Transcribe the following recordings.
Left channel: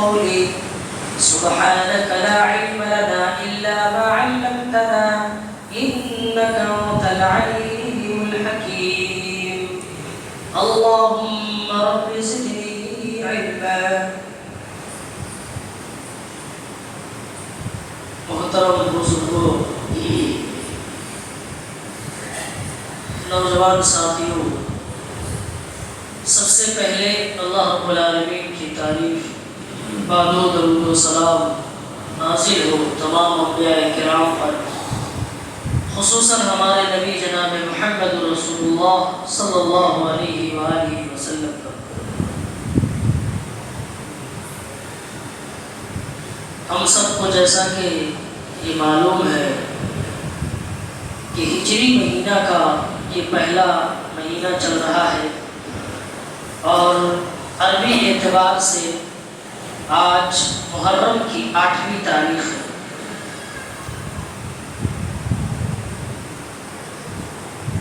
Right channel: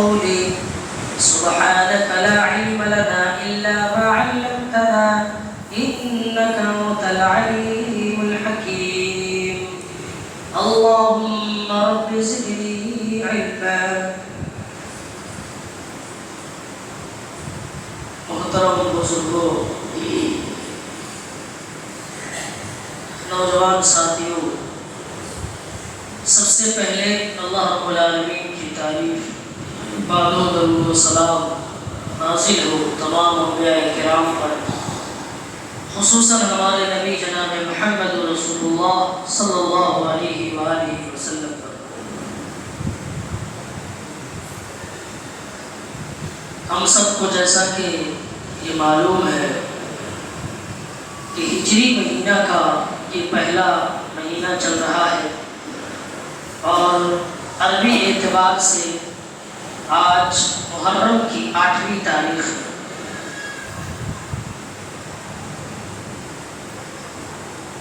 قولي سبحانك لا علم لنا إلا ما علمتنا إنك أنت العليم الحكيم اللهم رب زدني علما. محترم بزرگوں، نوجوان ساتھیوں، سب سے پہلے اللہ رب العالمین کی تعریف، بعد و درود و سلام نازل ہو تمام انبیاء کرام پر، خصوصاً ہمارے نبی جناب محمد رسول اللہ صلی اللہ علیہ وآلہ وسلم پر۔ ہم سب کو جیسا کہ یہ معلوم ہے کہ ہجری مہینہ کا یہ پہلا مہینہ چل رہا ہے اور عربی اعتبار سے آج محرم کی 8ویں تاریخ ہے۔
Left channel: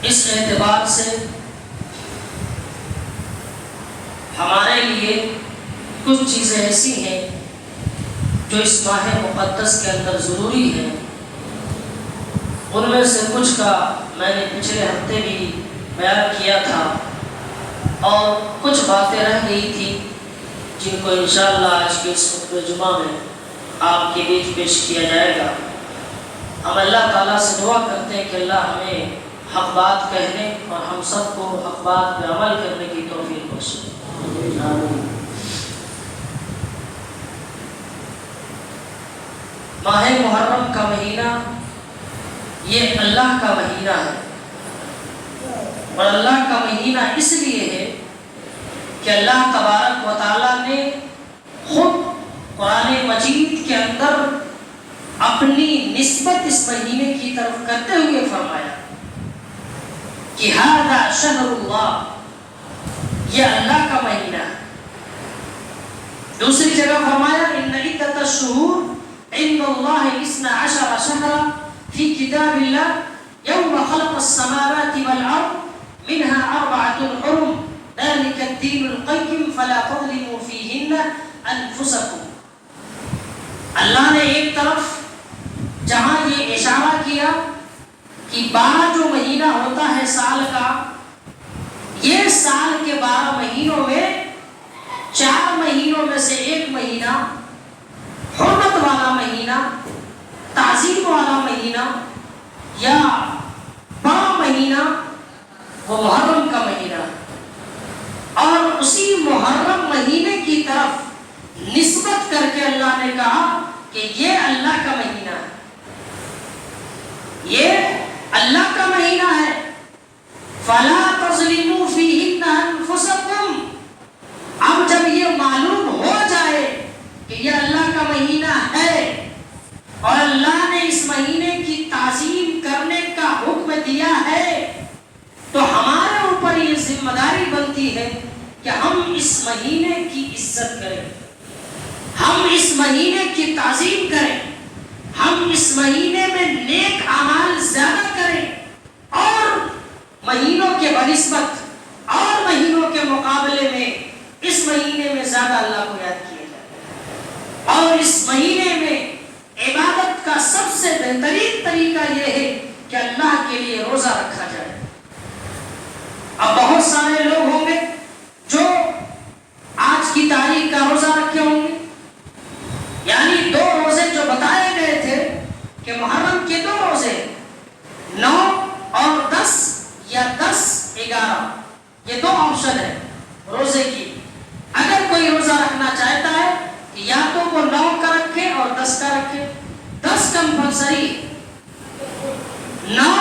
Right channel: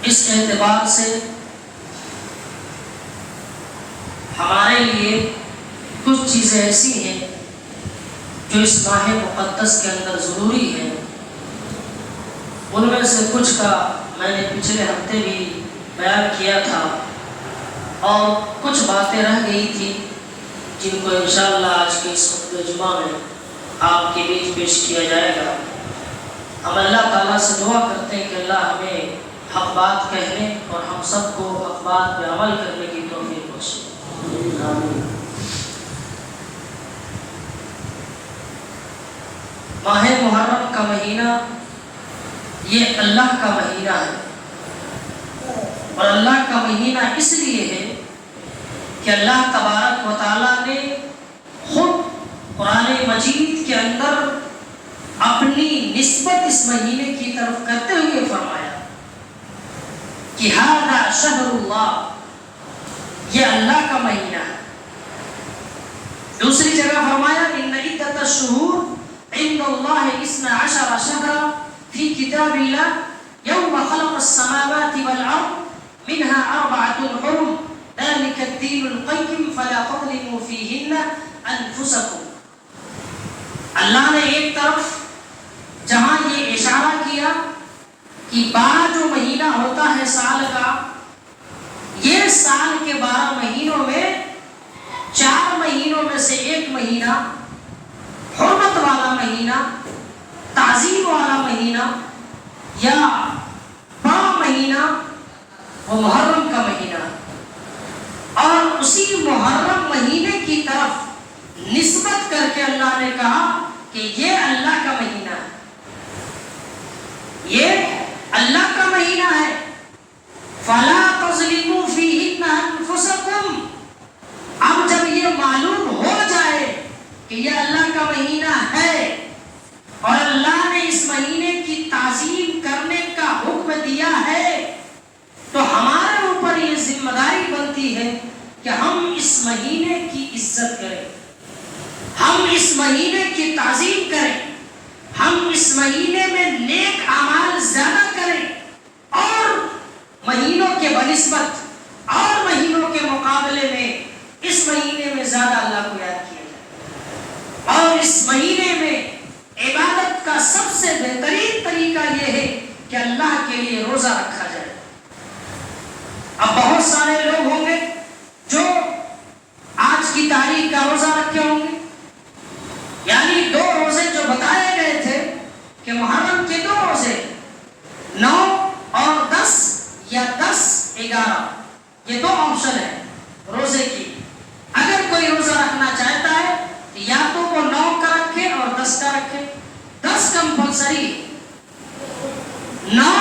اس اعتبار سے ہمارے لیے کچھ چیزیں ایسی ہیں جو اس ماہ مقدس کے اندر ضروری ہیں۔ ان میں سے کچھ کا میں نے پچھلے ہفتے بھی بیان کیا تھا اور کچھ باتیں رہ گئی تھی جن کو انشاءاللہ آج کے اس خطبہ جمعہ میں آپ کے بیچ پیش کیا جائے گا۔ ہم اللہ تعالیٰ سے دعا کرتے ہیں کہ اللہ ہمیں حق بات کہنے اور ہم سب کو حق بات پہ عمل کرنے کی توفیق بخشے۔ آمین۔ ماہ محرم کا مہینہ یہ اللہ کا مہینہ ہے، اور اللہ کا مہینہ اس لیے ہے کہ اللہ تبارک و تعالیٰ نے خود قرآن مجید کے اندر اپنی نسبت اس مہینے کی طرف کرتے ہوئے فرمایا کہ ھذا شہر اللہ، یہ اللہ کا مہینہ ہے۔ دوسری جگہ فرمایا ان عدۃ الشہور عند اللہ 12 شہرا فی کتاب اللہ یوم خلق السماوات والارض منها 4 حرم ذلك الدین القیم فلا تظلموا فیہن انفسکم۔ اللہ نے ایک طرف جہاں یہ اشارہ کیا کہ 12 جو مہینہ ہوتا ہے سال کا، یہ سال کے 12 مہینوں میں 4 مہینوں میں سے ایک مہینہ حرمت والا مہینہ، تعظیم والا مہینہ یا بڑا مہینہ وہ محرم کا مہینہ، اور اسی محرم مہینے کی طرف نسبت کر کے اللہ نے کہا کہ یہ اللہ کا مہینہ ہے، یہ اللہ کا مہینہ ہے۔ فَلَا تَظْلِمُوا فِيهِنَّ أَنفُسَكُمْ۔ اب جب یہ معلوم ہو جائے کہ یہ اللہ کا مہینہ ہے اور اللہ نے اس مہینے کی تعظیم کرنے کا حکم دیا ہے، تو ہمارے اوپر یہ ذمہ داری بنتی ہے کہ ہم اس مہینے کی عزت کریں، ہم اس مہینے کی تعظیم کریں، ہم اس مہینے میں نیک اعمال زیادہ کریں، اور مہینوں کے بنسبت اور مہینوں کے مقابلے میں اس مہینے میں زیادہ اللہ کو یاد کیا جائے، اور اس مہینے میں عبادت کا سب سے بہترین طریقہ یہ ہے کہ اللہ کے لیے روزہ رکھا جائے۔ اب بہت سارے لوگ ہوں گے جو آج کی تاریخ کا روزہ رکھے ہوں گے، یعنی 2 روزے جو بتائے گئے تھے کہ محرم کے 2 روزے 9 اور 10 یا 10-11، یہ 2 آپشن ہے روزے کی۔ اگر کوئی روزہ رکھنا چاہتا ہے یا تو وہ 9 کا رکھے اور 10 کا رکھے، 10 کمپلسری، 9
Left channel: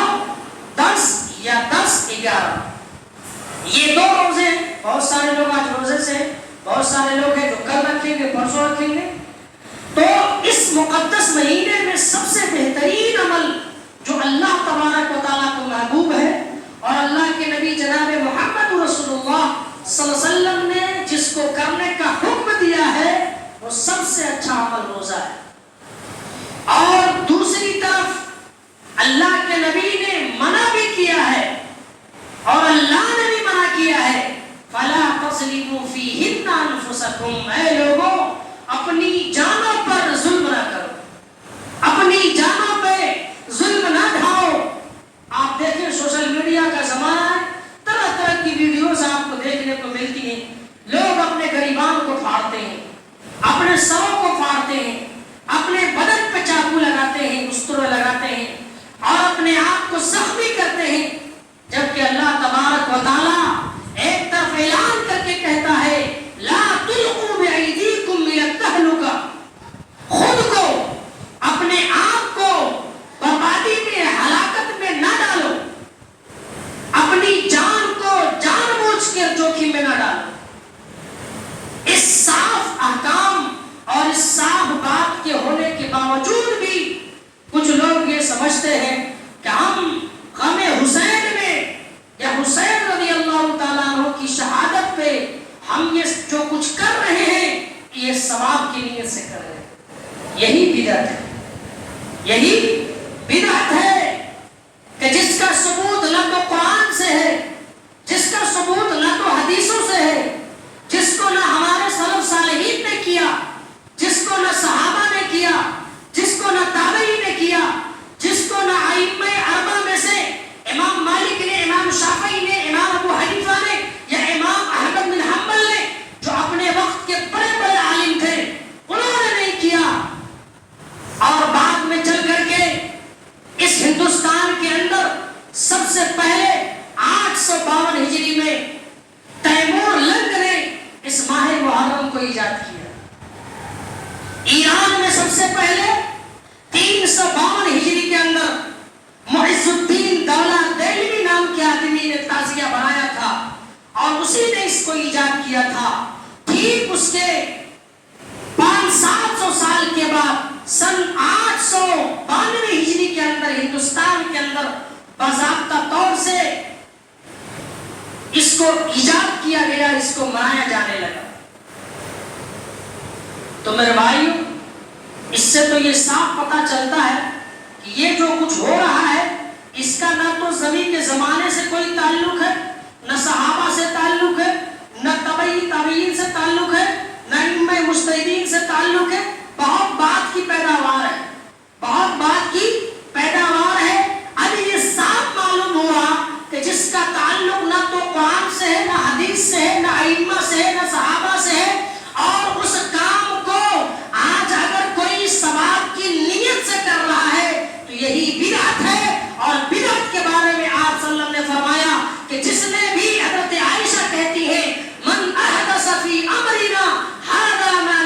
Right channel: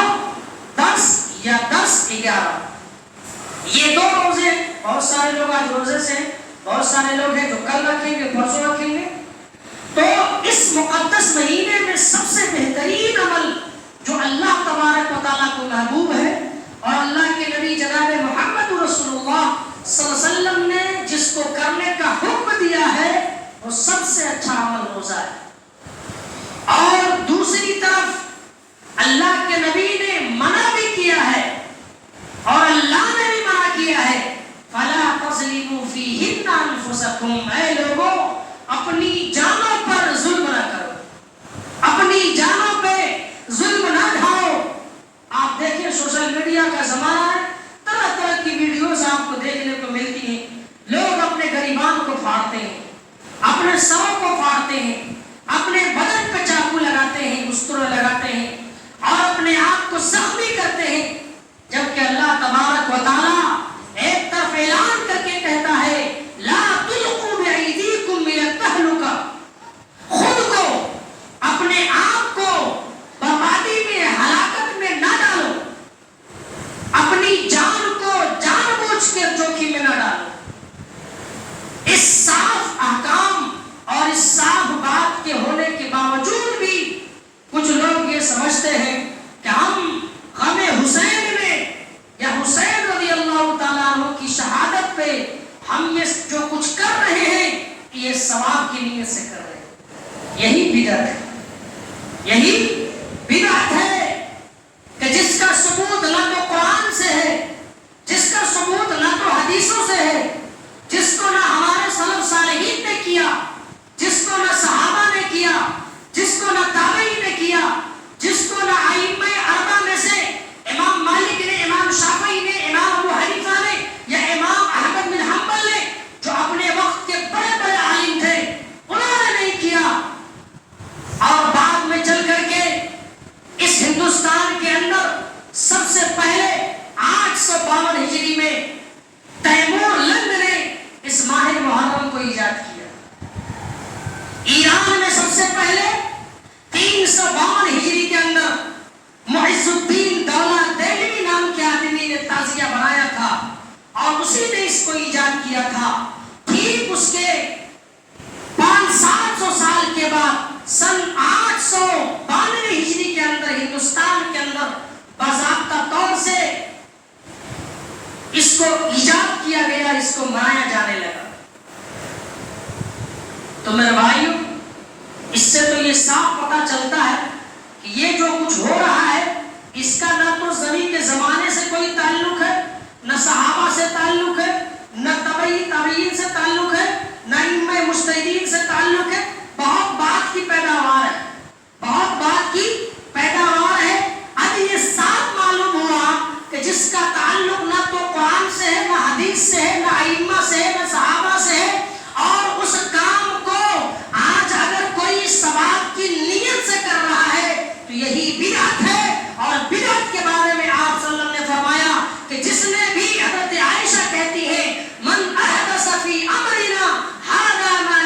10 یا 10-11، یہ 2 روزے۔ بہت سارے لوگ آج روزے سے، بہت سارے لوگ ہیں جو کل رکھیں گے، پرسوں رکھیں گے۔ تو اس مقدس مہینے میں سب سے بہترین عمل جو اللہ تبارک و تعالیٰ کو محبوب ہے اور اللہ کے نبی جناب محمد رسول اللہ صلی اللہ علیہ وسلم نے جس کو کرنے کا حکم دیا ہے، وہ سب سے اچھا عمل روزہ ہے۔ اور دوسری طرف اللہ کے نبی نے منع بھی کیا ہے اور اللہ نے بھی منع کیا ہے، فَلَا تَظْلِمُوا فِيهِنَّ أَنفُسَكُمْ۔ اے لوگوں، اپنے اپنی جانوں پر ظلم نہ کرو، اپنی جانوں پہ ظلم نہ ڈھاؤ۔ آپ دیکھیں سوشل میڈیا کا زمانہ ہے، طرح طرح کی ویڈیوز آپ کو دیکھنے کو ملتی ہیں۔ لوگ اپنے غریبان کو پھاڑتے ہیں، اپنے سروں کو پھاڑتے ہیں، اپنے بدن پہ چاقو لگاتے ہیں، استرے لگاتے ہیں اور اپنے آپ کو زخمی کرتے ہیں، جبکہ اللہ تبارک و تعالیٰ ایک طرف اعلان کر کے کہتا ہے لا تلقوا بأیدیکم من التہلکہ، خود کو اپنے آپ کو بربادی میں ہلاکت میں نہ ڈالو، اپنی جان کو جان بوجھ کے جوخم میں نہ ڈالو۔ اس صاف احکام اور اس صاف بات کے ہونے کے باوجود بھی کچھ لوگ یہ سمجھتے ہیں کہ ہم غم حسین میں یا حسین رضی اللہ تعالیٰ عنہ کی شہادت پہ ہم یہ جو کچھ کر رہے ہیں یہ ثواب کی نیت سے کر رہے ہیں۔ یہی بدعت ہے، یہی بدعت ہے کہ جس کا ثبوت نہ تو قرآن سے ہے، جس کا ثبوت نہ تو حدیثوں سے ہے، جس کو نہ ہمارے سلف صالحین نے کیا، جس کو نہ صحابہ نے کیا، جس کو نہ تابعین نے کیا، جس کو نہ ائمہ اربعہ میں سے امام مالک نے، امام شافعی نے، امام ابو حنیفہ نے یا امام احمد بن حنبل نے جو اپنے وقت کے بڑے بڑے عالم تھے انہوں نے نہیں کیا۔ اور بعد میں چل کر کے اس ہندوستان کے اندر سب سے پہلے 852 ہجری میں تیمور لنگ نے اس ماہ محرم کو ایجاد کیا۔ ایران میں سب سے پہلے 352 ہجری کے اندر معز الدین دولہ دہلوی نام کے آدمی نے تعزیہ بنایا تھا اور اسی نے اس کو ایجاد کیا تھا۔ ٹھیک اس کے 500-700 سال کے بعد سن 892 ہجری کے اندر ہندوستان کے اندر باضابطہ طور سے اس کو ایجاد کیا گیا، اس کو منایا جانے لگا۔ تو میرے بھائیو، اس سے تو یہ صاف پتہ چلتا ہے کہ یہ جو کچھ ہو رہا ہے اس کا نہ تو زمین کے زمانے سے کوئی تعلق ہے، نہ صحابہ سے تعلق ہے، نہ تابعین سے تعلق ہے، نہ ائمہ مجتہدین سے تعلق ہے۔ بہت بات کی پیداوار ہے، بہت بات کی پیداوار ہے۔ اب یہ صاف معلوم ہوا کہ جس کا تعلق نہ تو قرآن سے ہے، نہ حدیث سے ہے، نہ ائمہ سے ہے، نہ صحابہ سے ہے، اور اس کام کو آج اگر کوئی ثواب کی نیت سے کر رہا ہے تو یہی بدعت ہے۔ اور بدعت کے بارے میں آپ صلی اللہ علیہ وسلم نے فرمایا کہ جس نے بھی، حضرت عائشہ کہتی ہے من احدث فی امرنا ھذا ما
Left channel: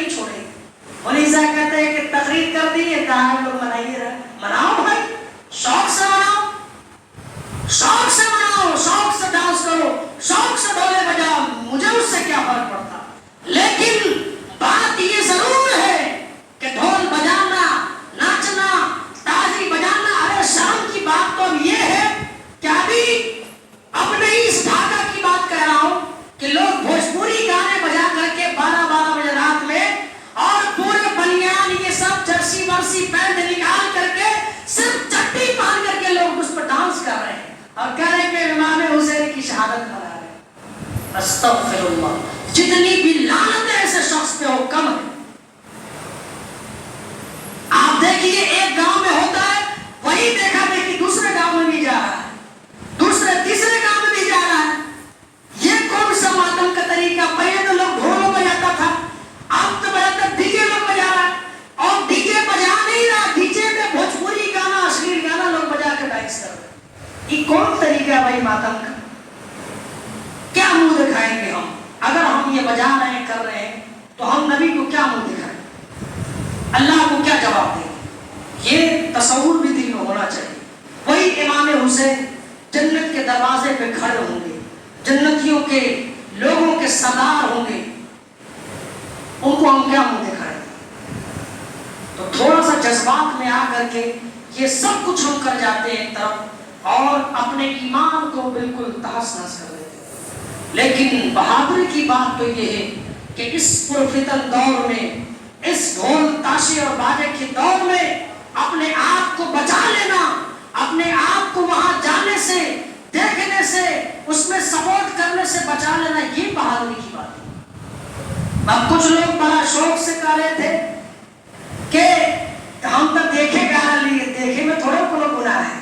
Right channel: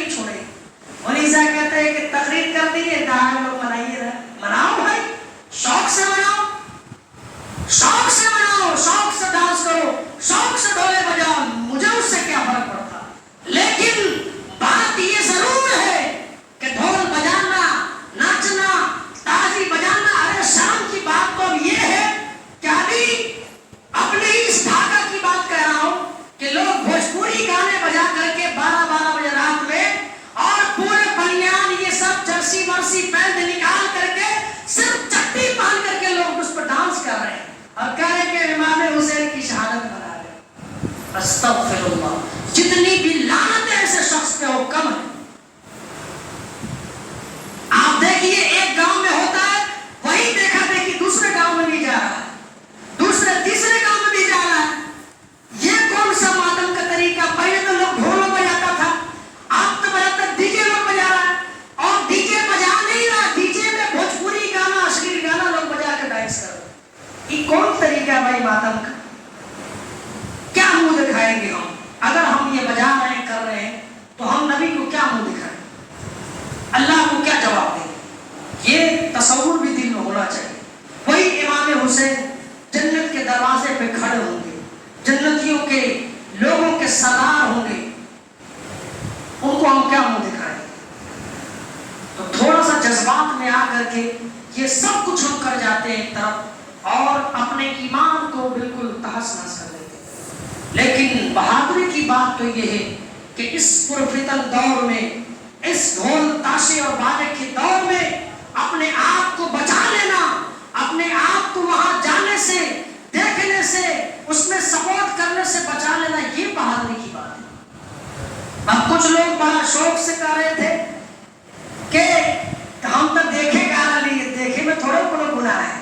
نہیں چھوڑے. مونیزا کہتے ہیں کہ تقریر کر دی ہے کہاں لوگ منائیے رہے. مناؤ بھائی, شوق سے مناؤ, شوق سے مناؤ, شوق سے ڈانس کرو, شوق سے ڈھولے بجاؤ, مجھے اس سے کیا فرق پڑتا. لیکن بات یہ ضرور ہے کہ ڈھول بجانا, ناچنا, تالی بجانا, ارے شام کی بات تو اب یہ ہے کہ ابھی اپنے اس ڈھاکہ کی بات کہہ رہا ہوں کہ لوگ بھوجپوری گانے بجا کر کے 12 بجے رات میں اور پورے بنیان یہ سب جرسی ورسی پینٹ نکال کر کے صرف چٹی پہن کر کے لوگ اس پر ڈانس کر رہے ہیں اور کہہ رہے ہیں کہ امام حسین کی شہادت منا رہے ہیں. استغفر اللہ. جتنی بھی لعنت ایسے شخص پہ ہو کم ہے. آپ دیکھیے ایک گاؤں میں ہوتا ہے, وہی دیکھا دیکھی دوسرے گاؤں میں بھی جا رہا ہے, دوسرے تیسرے گاؤں میں بھی جا رہا ہے. یہ کون سا ماتم کا طریقہ. پہلے تو لوگ ڈھولوں بجاتا تھا, اب تو بجاتا ڈی جے لوگ بجا رہا ہے, اور ڈی جے بجا نہیں رہا, ڈی جے میں بھوجپوری گانا, اشلیل گانا لوگ بجا کے ڈانس کر رہے ہیں. یہ کون طریقہ ہے بھائی ماتم کا؟ کیا منہ دکھائیں گے ہم؟ اگر ہم یہ بجا رہے ہیں, کر رہے ہیں, تو ہم نبی کو کیا منہ دکھائیں, اللہ کو کیا جواب دیں؟ یہ تصور بھی دل میں ہونا چاہیے. وہی امام حسین جنت کے دروازے پہ کھڑے ہوں گے, جنتیوں کے لوگوں کے سردار ہوں گے, ان کو ہم کیا منہ دکھائیں؟ تو تھوڑا سا جذبات میں آ کر کے یہ سب کچھ ہم کر جاتے ہیں طرف اور اپنے ایمان کو بالکل تہس نہس کر دیتے ہیں. لیکن بہادری کی بات تو یہ ہے کہ اس پرفتن دور میں, اس ڈھول تاشے اور باجے کے دور میں اپنے آپ کو بچا لینا, اپنے آپ کو وہاں جانے سے, دیکھنے سے, اس میں سپورٹ کرنے سے بچا لینا, یہ بہادری کی بات ہے. اب کچھ لوگ بڑا شوق سے کہہ رہے تھے کہ ہم تو دیکھے گانا لیے, دیکھے میں تھوڑا کوئی گناہ ہے.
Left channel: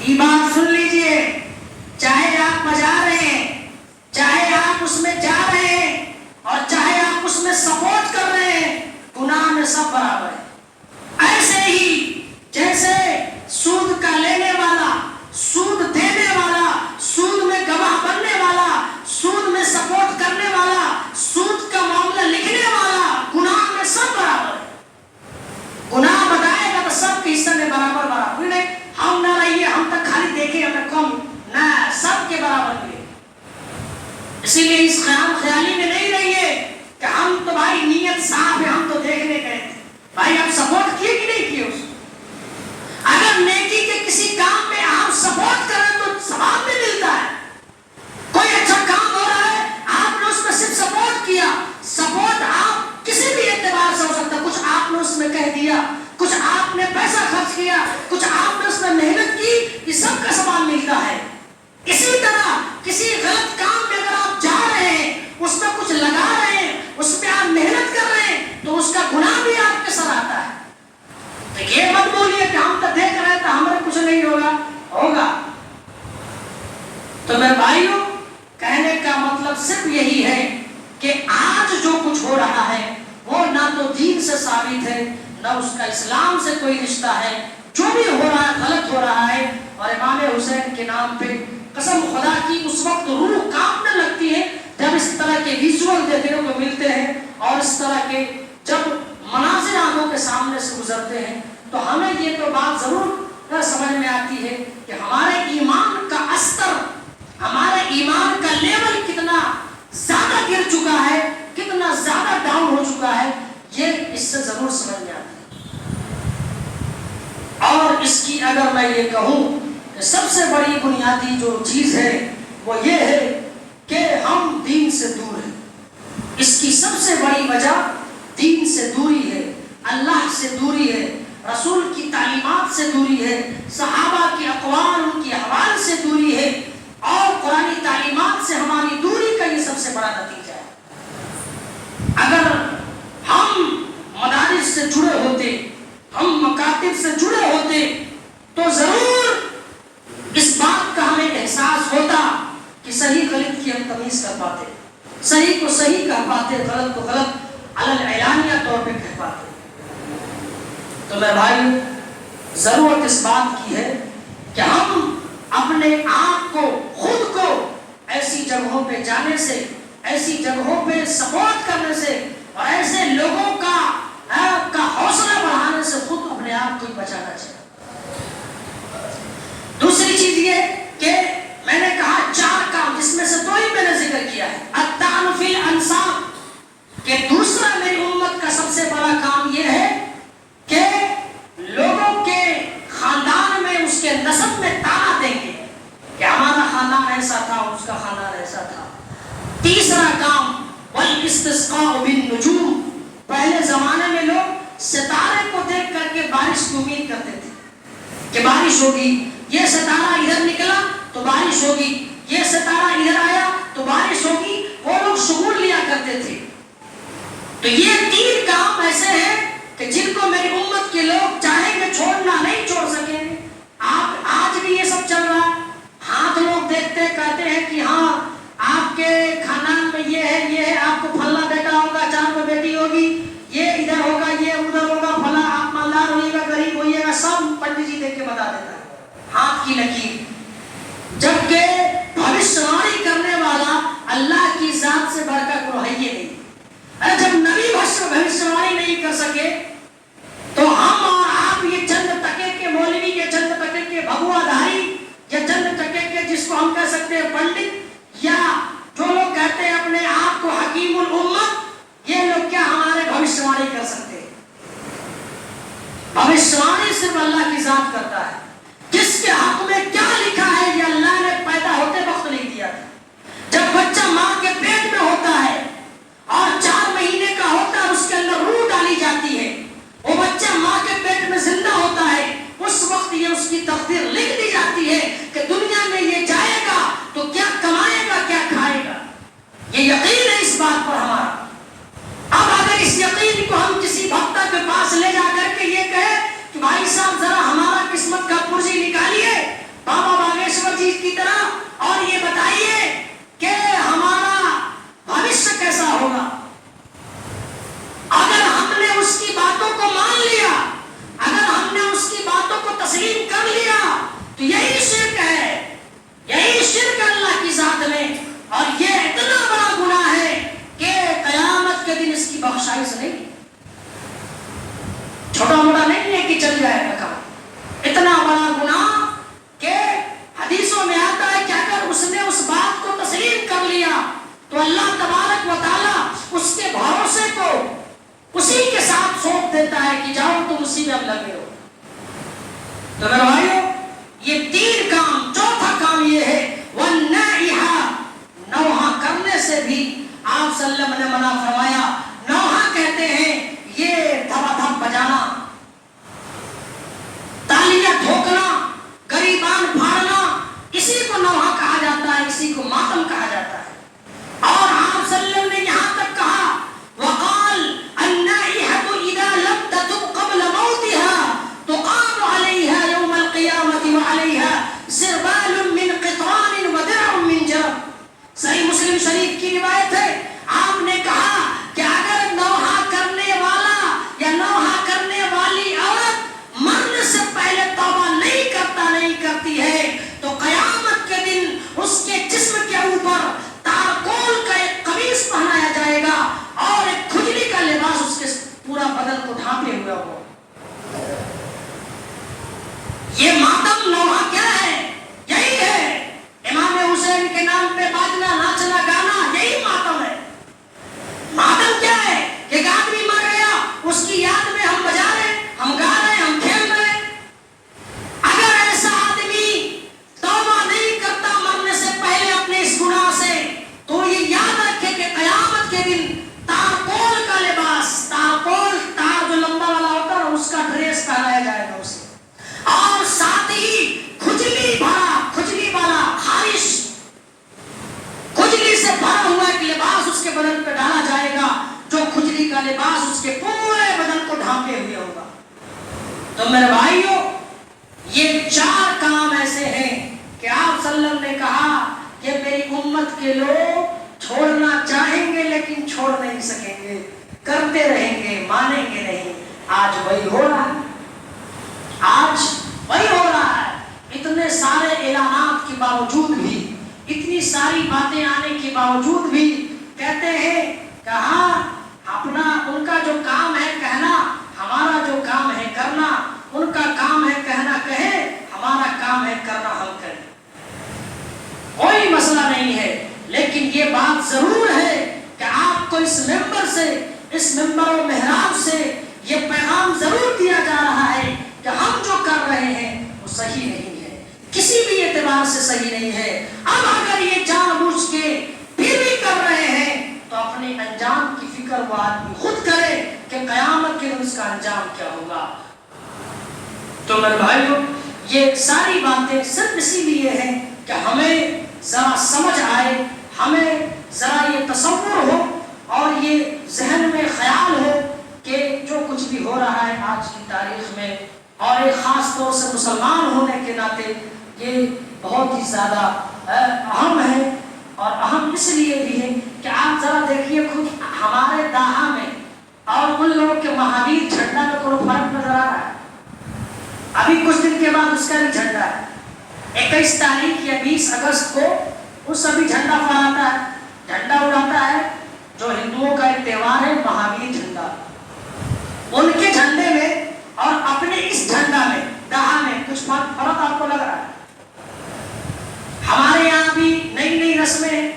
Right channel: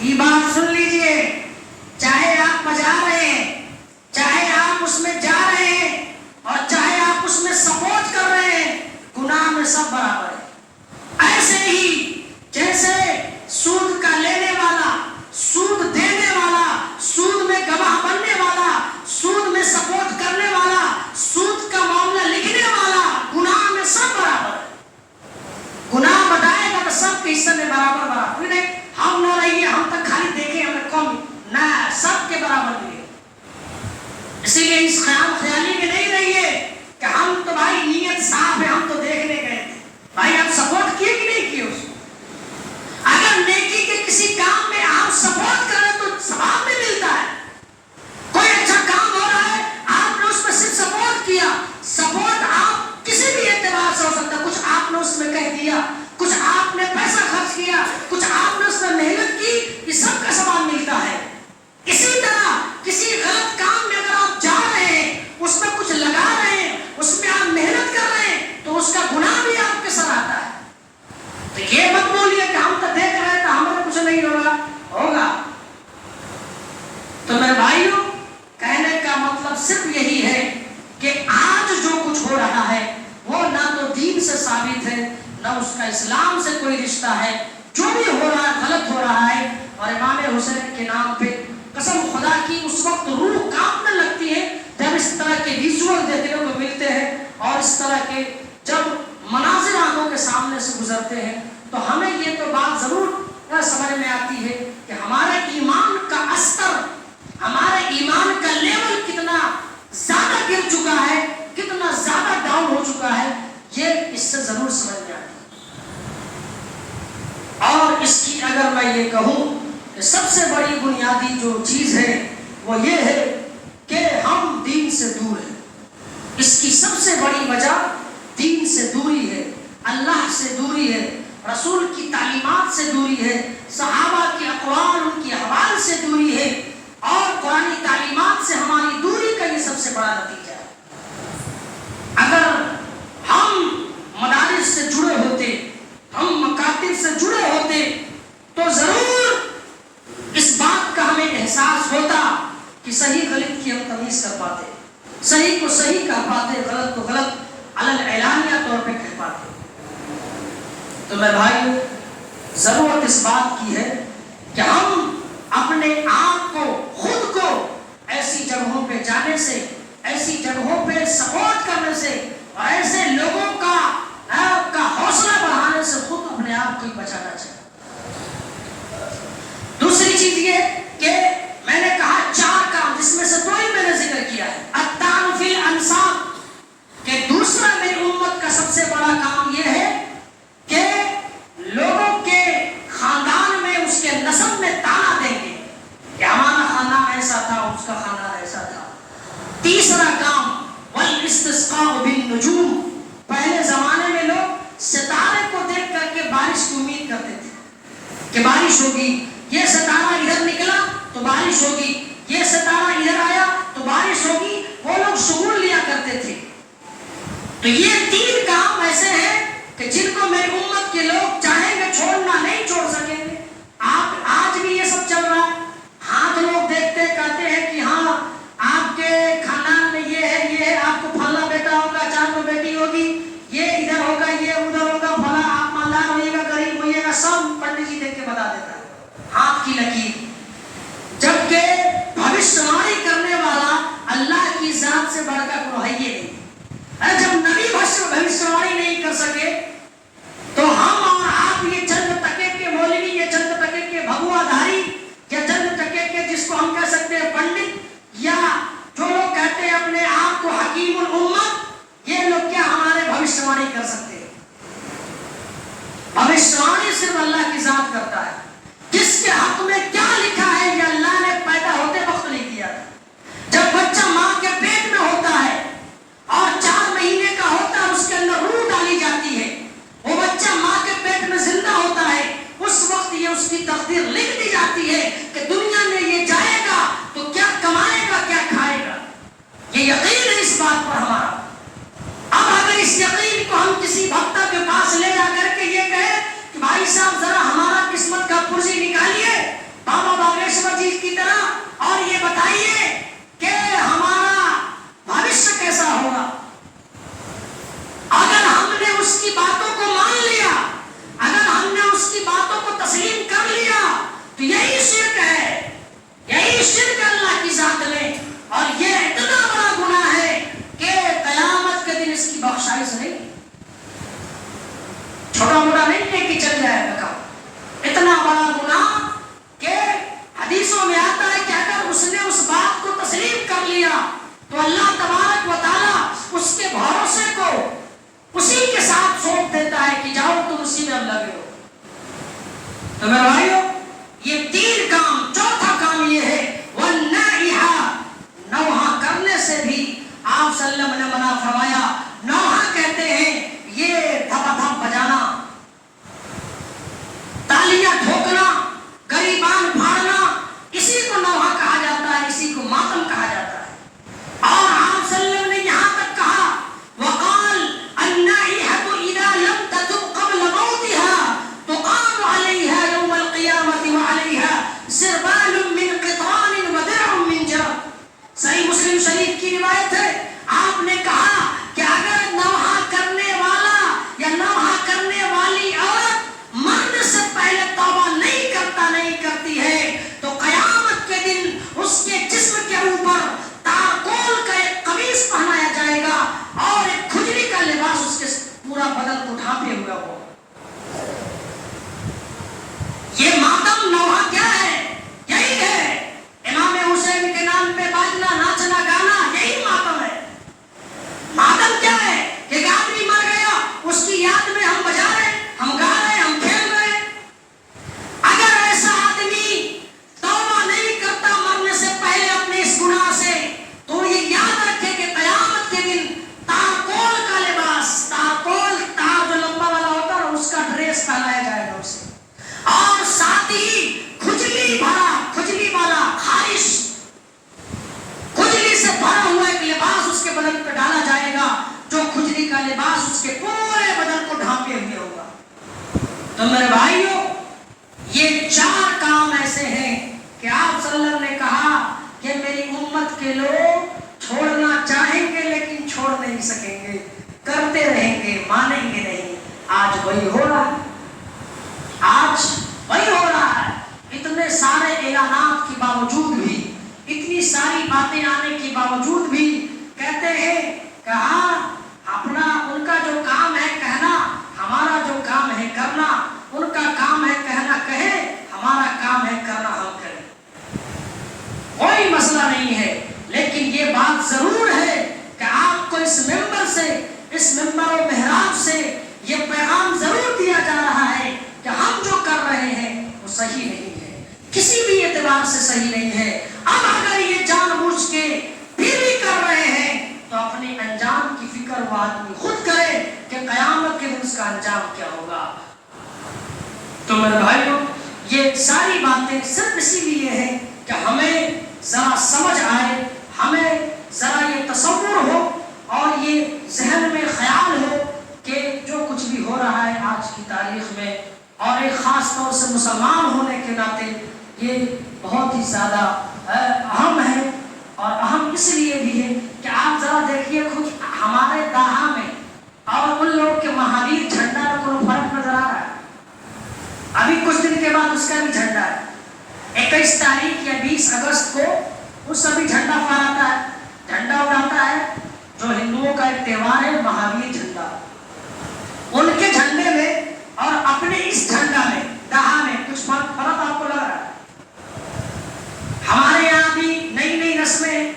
یہ بات سن لیجئے, چاہے آپ بجا رہے ہیں, چاہے آپ اس میں جا رہے ہیں, اور چاہے آپ اس میں سپورٹ کر رہے ہیں, گناہ میں سب برابر ہے. ایسے ہی جیسے سود کا لینے والا, سود دینے والا, سود میں گواہ بننے والا, سود میں سپورٹ کرنے والا, سود کا معاملہ لکھنے والا, گناہ میں سب برابر ہے. گناہ بتائے گا تو سب کے حصے میں برابر برابر نہیں. ہم نہ رہیے, ہم تک خالی دیکھیں, ہمیں کم نہ, سب کے برابر بھی. اسی لیے اس خیالی میں نہیں رہیے کہ ہم تو بھائی نیت صاف ہے, ہم تو دیکھنے گئے تھے. بھائی آپ سپورٹ کیے کہ نہیں کیے اس کو؟ اگر نیکی کے کسی کام میں آپ سپورٹ کریں تو ثواب بھی ملتا ہے. کوئی اچھا کام ہو رہا ہے, آپ نے اس میں صرف سپورٹ کیا. سپورٹ آپ کسی بھی اعتبار سے ہو سکتا ہے. کچھ آپ نے اس میں کہہ دیا, کچھ آپ نے پیسہ خرچ کیا, کچھ آپ نے اس میں محنت کی, یہ سب کا ثواب ملتا ہے. اسی طرح کسی غلط کام میں اگر آپ جا رہے ہیں, اس میں کچھ لگا رہے ہیں, اس میں آپ محنت کر رہے ہیں, تو اس کا گناہ بھی آپ کے ساتھ آتا ہے. تو یہ مت بولیے کہ ہم تو دیکھ رہے ہیں تو ہمیں کچھ نہیں ہوگا. ہوگا. تو میرے بھائیوں, کہنے کا مطلب صرف یہی ہے کہ آج جو کچھ ہو رہا ہے وہ نہ تو دین سے ثابت ہے, نہ اس کا اسلام سے کوئی رشتہ ہے. جو بھی ہو رہا ہے غلط ہو رہا ہے. اور امام حسین کے نام پہ قسم خدا کی اس وقت روح کانپنے لگتی ہے جب اس طرح کے ویژول دیکھنے کو ملتے ہیں, اور اس طرح کے جب مناظر آنکھوں کے سامنے سے گزرتے ہیں, تو ہمیں یہ تو بات ضرور سمجھ میں آتی ہے کہ ہمارے ایمان کا استر, ہمارے ایمان کا لیول کتنا زیادہ گر چکا ہے, کتنا زیادہ ڈاؤن ہو چکا ہے, یہ اس سے ضرور سمجھ میں آتی ہے. اور اس کی اگر میں یہ کہوں کہ سب سے بڑی بنیادی جو چیز ہے وہ یہ ہے کہ ہم دین سے دور ہیں. اس کی سب سے بڑی وجہ دین سے دوری ہے, اللہ سے دوری ہے, رسول کی تعلیمات سے دوری ہے, صحابہ کی اقوال, ان کی حوال سے دوری ہے, اور قرآنی تعلیمات سے ہماری دوری کا یہ سب سے بڑا نتیجہ ہے. اگر ہم مدارس سے جڑے ہوتے, ہم مکاتب سے جڑے ہوتے, تو ضرور اس بات کا ہمیں احساس ہوتا کہ صحیح غلط کی ہم تمیز کر پاتے, صحیح کو صحیح کہہ پاتے, غلط کو غلط علن اعلانیہ طور پہ کہہ پاتے. تو میں بھائیو, ضرورت اس بات کی ہے کہ ہم اپنے آپ کو, خود کو ایسی جگہوں پہ جانے سے, ایسی جگہوں پہ سپورٹ کرنے سے, اور ایسے لوگوں کا حوصلہ بڑھانے سے خود اپنے آپ کو ہی بچانا چاہیے۔ دوسری چیز یہ کہ میں نے کہا 4 کام، جس میں سے 2 ہی میں نے ذکر کیا ہے، الطعن فی الانساب، کہ دوسرا میری امت کا سب سے بڑا کام یہ ہے کہ لوگوں کے خاندان میں، اس کے نسب میں طعنہ دیں گے کہ ہمارا خاندان ایسا تھا، اس کا خاندان ایسا تھا۔ تیسرا کام والاستسقاء بالنجوم، پہلے زمانے میں لوگ ستارے کو دیکھ کر کے بارش کی امید کرتے تھے کہ بارش ہوگی، یہ ستارہ ادھر نکلا تو بارش ہوگی، یہ ستارہ ادھر آیا تو بارش ہوگی، وہ لوگ شگون لیا کرتے تھے۔ تو یہ 3 کام ایسے ہیں کہ جن کو میری امت کے لوگ چاہیں گے چھوڑنا نہیں چھوڑ سکیں گے۔ آج بھی یہ سب چل رہا ہے، ہاتھ لوگ دیکھتے کہتے ہیں کہ ہاں آپ کے خاندان میں یہ ہے، آپ کو پھلا بیٹا ہوگا، 4 بیٹی ہوگی، یہ ادھر ہوگا، یہ ادھر ہوگا، پھلا آپ مالدار ہوئیے گا، غریب ہوئیے گا، سب پنڈت جی دیکھ کے بتا دیتا ہے ہاتھ کی لکیر۔ جبکہ بھوشیاوانی کرنے والا اللہ کی ذات سے بڑھ کر کوئی ہے نہیں۔ جب نبی بھوشیاوانی نہیں کر سکے تو ہم اور آپ یہ چند ٹکے کے مولوی، یہ چند ٹکے کے بھگوا دھاری، یا چند ٹکے کے جس کو ہم کہہ سکتے ہیں پنڈت، یا جو لوگ کہتے ہیں اپنے آپ کو حکیم الامت، یہ لوگ کیا ہمارے بھوشیاوانی کر سکتے ہیں؟ بھوشیاوانی صرف اللہ کی ذات کرتا ہے۔ جس کے حق میں کیا لکھا ہے یہ اللہ نے پیدا ہوتے وقت نہیں دیا تھا۔ جب بچہ ماں کے پیٹ میں ہوتا ہے اور 4 مہینے کا ہوتا ہے، اس کے اندر روح ڈالی جاتی ہے، وہ بچہ ماں کے پیٹ میں زندہ ہوتا ہے، اس وقت یہ اس کی تقدیر لکھ دی جاتی ہے کہ دنیا میں یہ جائے گا تو کیا کمائے گا، کیا کھائے گا۔ یہ یقین ہے اس بات پر ہمارا۔ اب اگر اس یقین کو ہم کسی بھکتا کے پاس لے جا کر کے یہ کہے کہ بھائی صاحب ذرا ہمارا قسمت کا پرزی نکالیے بابا باگیشور جی کی طرح، اور یہ بتائیے کہ ہمارا بھوشیہ کیسا ہوگا، اگر ہم نے اس کی باتوں کو مان لیا، اگر ہم نے اس کی باتوں کو تسلیم کر لیا، تو یہی شرک ہے، یہی شرک اللہ کی ذات میں، اور یہ اتنا بڑا گناہ ہے کہ قیامت کے دن اس کی بخشائش نہیں، چھوٹا موٹا نہیں ہے کہ چل جائے گا کام، اتنا بڑا گناہ کہ حدیثوں میں آتا ہے کہ اگر اس نے اس بات کو تسلیم کر لیا تو اللہ تبارک و تعالیٰ اس کے بھروسے کو اسی کے ساتھ سونپ دیتا ہے کہ جاؤ تم اسی میں اب لگے ہو۔ تو میرے بھائیو، یہ 3 کام، چوتھا کام یہ ہے وَالنَّائِحَ، نوحہ کرنے سے بھی آپ صلی اللہ علیہ وسلم نے منع فرمایا۔ نوحہ کہتے ہیں یہ دھما دھم بجانا، تالیاں ٹھوکنا، گریبان پھاڑنا، اسی کو نوحہ کہا جاتا ہے، اسی کو ماتم کہا جاتا ہے۔ اور آپ صلی اللہ علیہ وسلم نے یہاں تک کہا وقال النائحة اذا لم تتب قبل موتها تقام عليها يوم القيامة وعليها سربال من قطران ودرع من جرب۔ صحیح مسلم شریف کی روایت ہے، آپ نے کہا کہ اگر نوحہ کرنے والا یا نوحہ کرنے والی عورت مرنے سے پہلے توبہ نہیں کرتی ہے تو قیامت کے دن اس کے جسم کے اوپر تارکول کا ایک قمیص پہنایا جائے گا اور ایک کھجلی کا لباس اس کے پورا بدن کو ڈھانپے ہوئے ہو۔ یہ ماتم نوحہ کیا ہے؟ یہی ہے امام حسین کے نام پہ باجنا، ناچنا، گانا، یہی ماتم ہے۔ ماتم کیا ہے؟ ایک آدمی مر گیا، اس کی یاد میں ہم بجا رہے، ہم گا رہے، ہم کھیل رہے۔ اگر ایسا آدمی توبہ نہیں کرتا مرنے سے پہلے اپنے اس گناہ سے، تو یہ یاد رکھے کہ قیامت کے دن تارکول کا لباس، تارکول تار جو لمبا والا ہوتا ہے اس کا ڈریس پہنایا جائے گا اسے، اور ساتھ ہی کھجلی والا خارش، کھجلی سے بھرا ہوا ایک لباس اس کے بدن پہ ڈالا جائے گا، جو کھجلی کا لباس اس کے پورے بدن کو ڈھانپے ہوئے ہوگا۔ تو میرے بھائیوں، یہ 4 کام ایسے ہیں کہ آپ صلی اللہ علیہ وسلم نے کہا کہ میری امت کے لوگ چھوڑنا چاہیں گے لیکن چھوڑ نہیں سکیں گے، کرتے رہیں گے، مانیں گے نہیں۔ آج وہی ہو رہا ہے، آج وہی ہو رہا ہے۔ اتنے سارے اعلانات کے باوجود بھی، اتنی ساری باتیں آنے کے باوجود بھی کہتے ہیں کہ ہاں اپنا ان کا جو کام ہے کہنا، ہمارا جو کام ہے کرنا، ان کا کام ہے کہنا کہیں، ہمارا کام ہے کرنا ہم کریں، کوئی مسئلہ نہیں ہے۔ لیکن یہ بات ضرور ہے کہ آپ کو اس ممبر سے، اس ممبر و محراب سے یہ پیغام ضرور دیا جا رہا ہے کہ ہم جو کر رہے ہیں وہ صحیح نہیں ہے، کسی بھی اعتبار سے صحیح نہیں ہے۔ اب اگر یہ جان بوجھ کے پھر بھی کر رہے ہیں تو اپنے انجام کی فکر وہ آدمی خود کرے کہ قیامت کے دن اس کا انجام کیا ہوگا۔ تو میرے بھائیوں، یہ ساری باتیں صرف اسی لیے ہیں کہ ہمیں ذرا سمجھ آئے، ہمیں ذرا یہ تصور ہو اور یہ ذہن میں خیال ہو کہ جو کچھ بھی ہو رہا ہے آج کی تاریخ میں، اور ایک خاص طور سے مسلمان ہونے کے ناطے یہ بہت ہی زیادہ اہم ہے، اور اہم اس لیے بھی ہے کہ آپ ذرا دیکھیے خود ہمارے داہا میں اور ان لوگوں کے مہاویر جھنڈا میں کوئی فرق نظر آ رہا ہے؟ ابھی کچھ دن کے بعد اس کا بھی جھنڈا ہے، 21 تاریخ یا 20 اگست کو اس ابھی جھنڈا پھہراتا ہے، جھنڈا اڑاتا ہے، جو ہندوؤں کا ایک تہوار ہے مہاویر جھنڈا، ان کے جھنڈے میں اور اپنے اس جھنڈا میں داہا میں کچھ فرق آپ کو لگ رہا ہے؟ ہمارے یہاں بھی نئی نئی رسمیں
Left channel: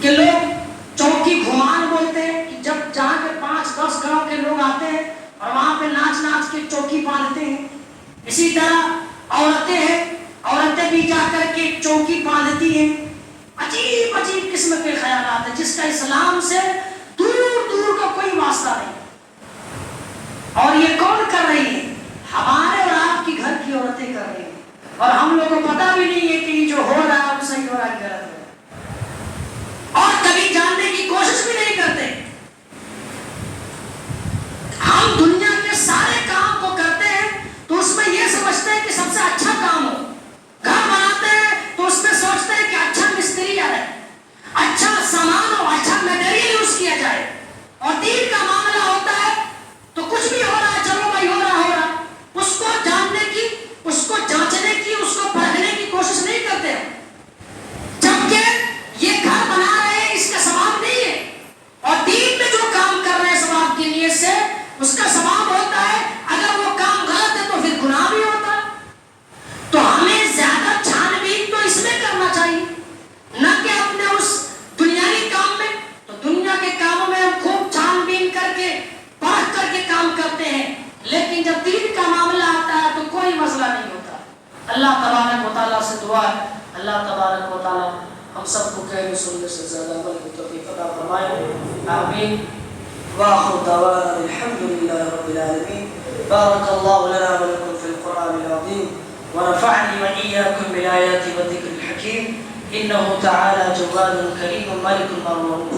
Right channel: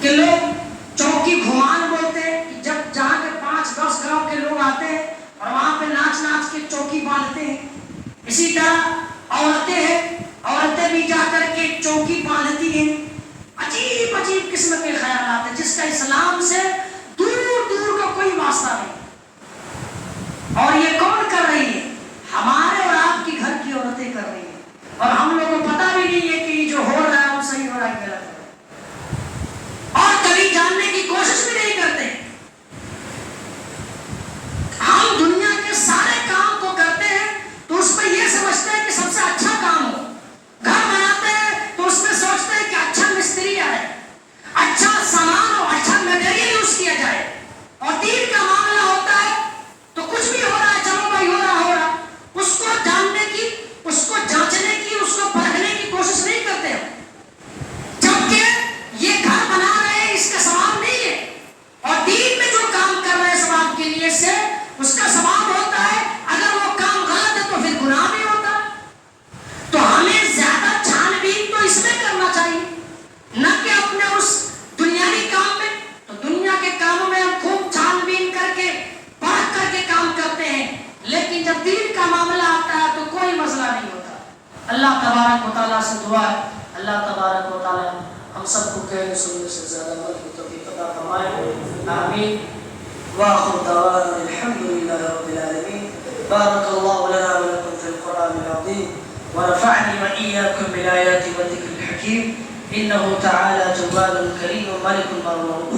کہ لوگ چوکی گھمان بولتے ہیں، کہ جب جہاں کے 5-10 گاؤں کے لوگ آتے ہیں اور وہاں پہ ناچ ناچ کے چوکی باندھتے ہیں، اسی طرح عورتیں ہیں، عورتیں بھی جا کر کے چوکی باندھتی ہیں، عجیب عجیب قسم کے خیالات ہیں جس کا اسلام سے دور دور کا کوئی واسطہ نہیں۔ اور یہ کون کر رہی ہے؟ ہمارے اور آپ کی گھر کی عورتیں کر رہی ہیں، اور ہم لوگوں کو پتہ بھی نہیں ہے کہ یہ جو ہو رہا ہے وہ صحیح ہو رہا ہے غلط ہو رہا ہے، اور کبھی جاننے کی کوشش بھی نہیں کرتے۔ ہم دنیا کے سارے کام کو کرتے ہیں تو اس میں یہ سمجھتے ہیں کہ سب سے اچھا کام ہو، گھر بناتے ہیں تو اس میں سوچتے ہیں کہ اچھا مستری آئے، اچھا سامان ہو، اچھا میٹیریل یوز کیا جائے، اور دین کا معاملہ ہوتا ہے تو کچھ بھی ہو رہا ہے، چلو بھائی ہو رہا، اس کو جاننے کی، اس کو جانچنے کی، اس کو پرکھنے کی کوشش نہیں کرتے، جبکہ یہ گھر بنا رہے ہیں اس کا ثواب نہیں ہے، اور دین میں جو کام کر رہے ہیں ثواب کی نیت سے اس کا ثواب ہوتا ہے، اگر وہ کام غلط ہے تو پھر گناہ بھی ہوتا ہے۔ تو ہمیں زیادہ چھان بین تو اس میں کرنا چاہیے، نہ کہ اپنے اس دنیاوی کام میں۔ تو دنیا کے کاموں میں ہم خوب چھان بین کر کے پرکھ کر کے کام کرتے ہیں، لیکن جب دین کا معاملہ آتا ہے تو کوئی مسئلہ نہیں ہوتا۔ اللہ تبارک و تعالیٰ سے دعا ہے، اللہ تبارک و تعالیٰ ہم سب کو کہنے سننے سے زیادہ عمل کی توفیق عطا فرمائے، آمین۔ وآخر دعوانا الحمد لله رب العالمين۔ بارك الله لنا ولكم في القرآن العظيم، ونفعني وإياكم بالآيات والذكر الحكيم، إنه تعالى جواد كريم ملك مرحوم